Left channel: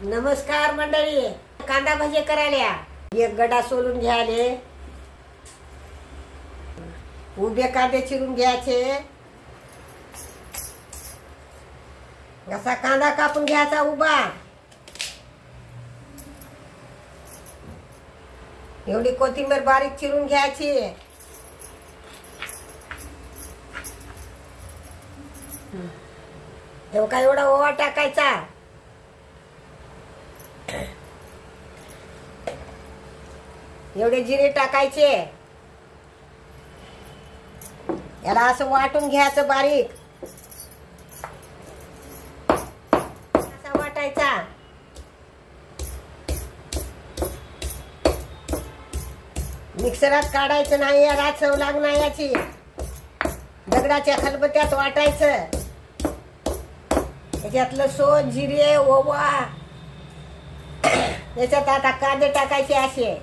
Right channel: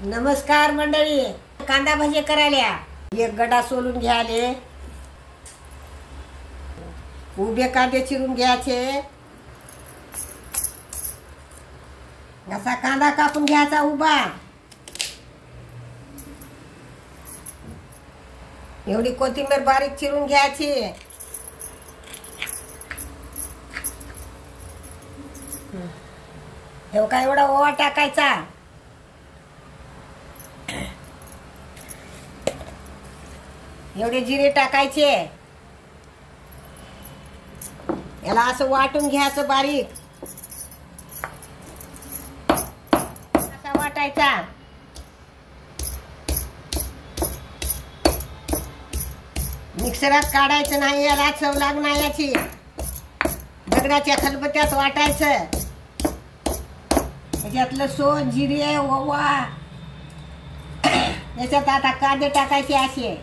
नमस्कार मंडळी, कांदा भजे करायला एक गडा सोलून घ्याले, उभे कांदे चिरून घ्यायचे, असा कांदा कापून घ्यायचा उभा, एवढी कोथिंबीर बारीक चिरून घ्यायची, एवढा एवढा ओवा टाकायचा, एवढे जिरे टाकायचे, याला असं वाटून घ्यायचं बारीक, असा वाटायचा, मिक्सरात काढायचं नाही, याला चव लागणार याची, दगडाच्या खलबत्त्यात वाटायचं, त्याच्यातलं सोन जिरे ओवा, याच्यात आता कांदे टाकायचे असे,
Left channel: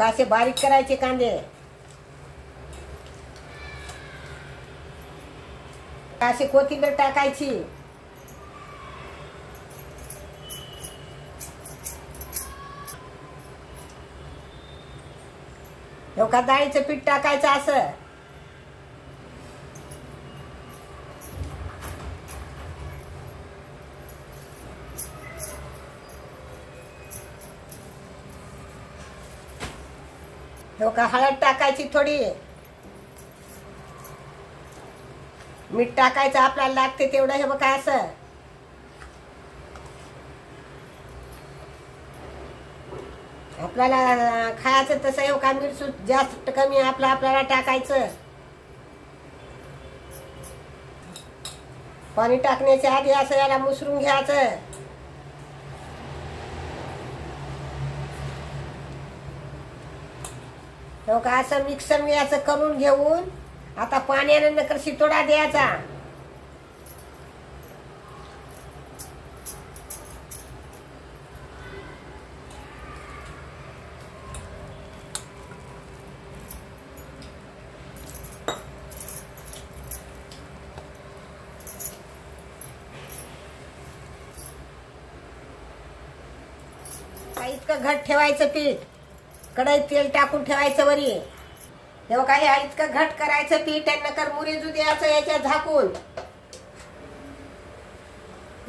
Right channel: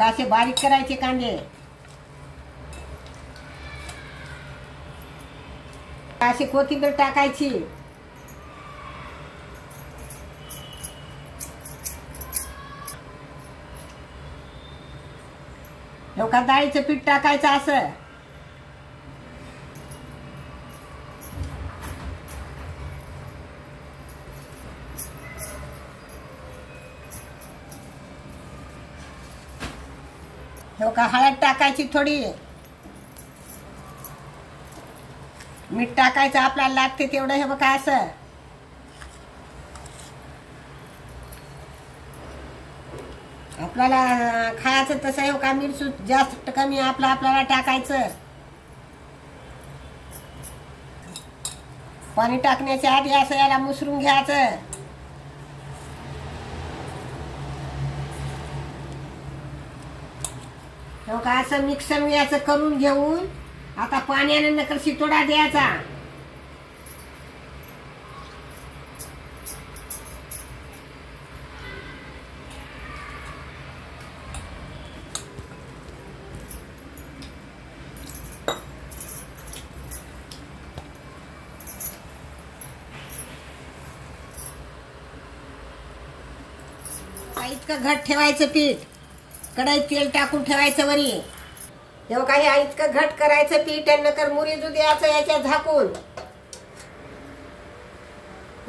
असे बारीक करायचे कांदे, अशी कोथिंबीर टाकायची, डाळीचं पीठ टाकायचं असं, हळद टाकायची, थोडी मीठ टाकायचं आपल्याला लागते तेवढं, हे बघा असं, आपल्याला खायचं तसं आहे का, मिरची जास्त कमी आपल्याला टाकायचं, पाणी टाकण्याच्या आधी असं याला मुसरून घ्यायचं, का असं मिक्सर मी याचं करून घेऊन आता पाण्याने नकर शितोडा द्यायचा, इतकं घट ठेवायचं पीठ, कढईत तेल टाकून ठेवायचं वरी, तेव्हा काही इतकं घट करायचं पीठ आणि नकर मुरीजू द्यायचं याच्यात झाकून,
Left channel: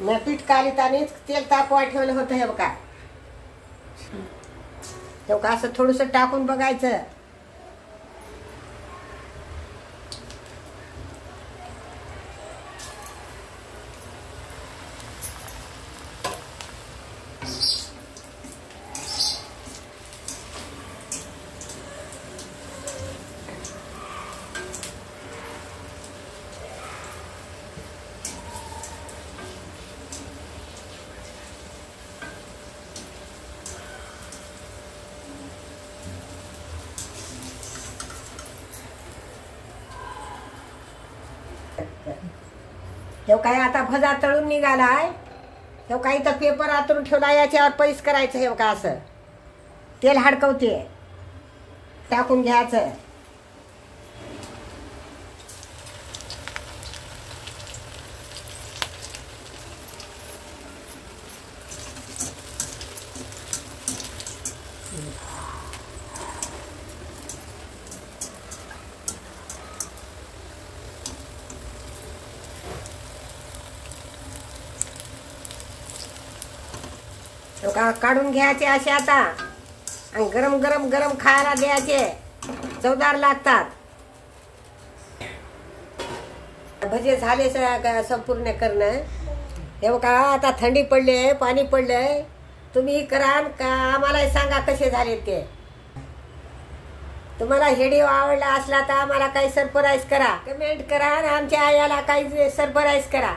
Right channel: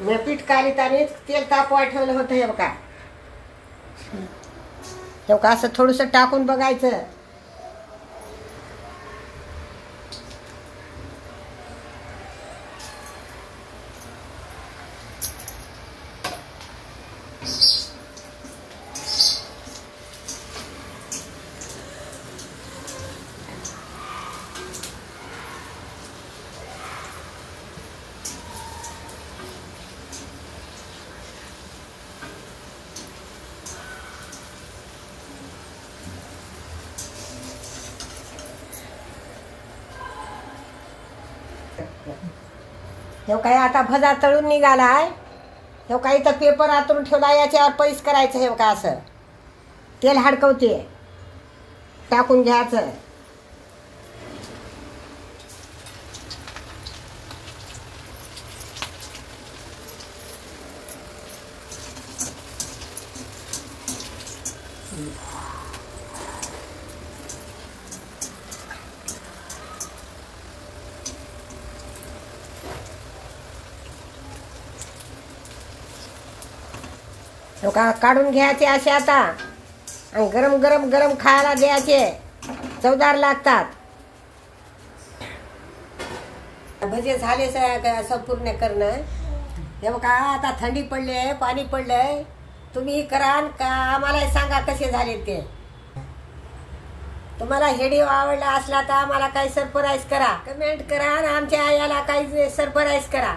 मी पीठ कालीत आणि तेल तापवा ठेवलं होतं, हे बघा तेव्हा असं थोडस टाकून बघायचं, हे काय आता भजा तळून निघालाय, हे काही तर पेपर आतरून ठेवला, याच्यावर पैस करायचं, हे का असं तेल हडकवते टाकून घ्यायचं, काढून घ्यायचे असे आता, आणि गरम गरम गरम खायला द्यायचे, चवदार लागतात. भजे झाले संपूर्ण करणं, हे बघा आता थंडी पडली आहे, पाणी पडलंय, तुम्ही करा का आम्हाला सांगा कसे झाले ते. तुम्हाला व्हिडिओ आवडला असला तर आम्हाला काही सरप्राईज करा, कमेंट करा, आमच्या याला काही सरप्राईज करा.